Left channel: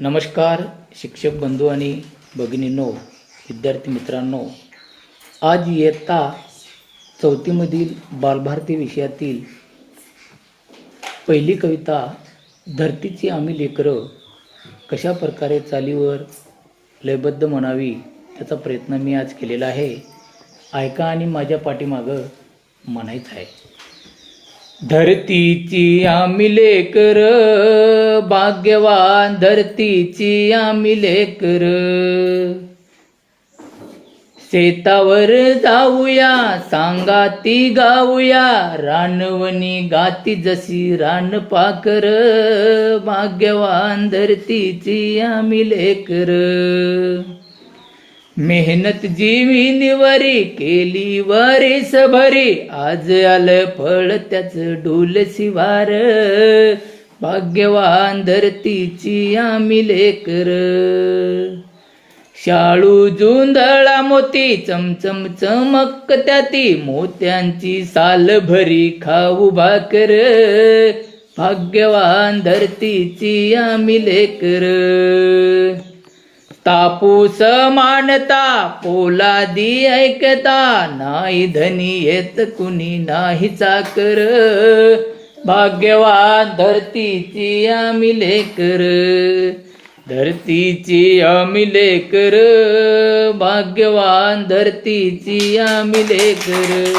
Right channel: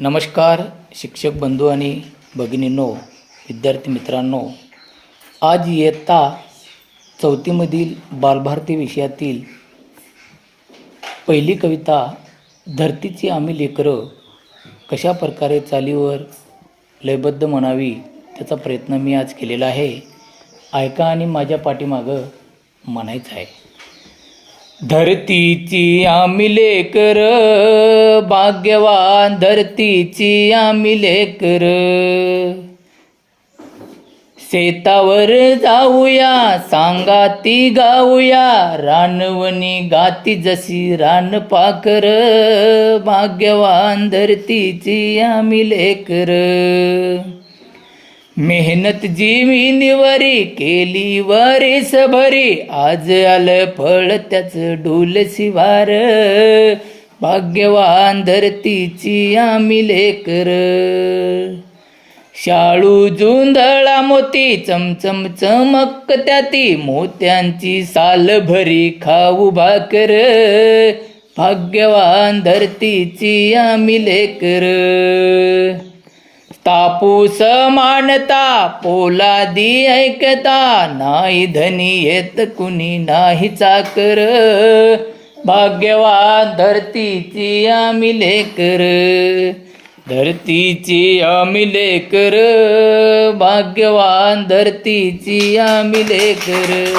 नमस्कार शिक्षक बंधू आणि भगिनींनो विद्यार्थी मित्रांनो. आज इयत्ता चौथीमधील बालभारती विषयातील पहिली कविता धरतीची आम्ही लेकरं कशा प्रकारे चालीवर लयबद्ध म्हणावी त्याचा प्रयत्न मी आज केलेला आहे. ऐका आणि माझ्या पाठीमागं म्हणायचं आहे. धरतीची आम्ही लेकर भाग्यवान धरतीची आम्ही लेकर. शेतावर जाऊया सांगा ती गाऊया रानवणी गाती जशी रान पाकर. भाग्यवान धरतीची आम्ही लेकर. मेहनत जीवी केली वरीस भरी आज आलं फळ त्याच डोल शिवार. भाग्यवान धरतीची आम्ही लेकर. शाळू जुंधळा मोती चमचम चमक त्याती. मोत्यांची साल भरी खाऊ भाकर. भाग्यवान धरतीची आम्ही लेकर. तापूस मानता पोलादी ऐकता नाही धनी येत कुणी नाही चाकर. भाग्यवान धरतीची आम्ही लेकर. धरतीची आम्ही लेकर. भाग्यवान धरतीची आम्ही लेकर.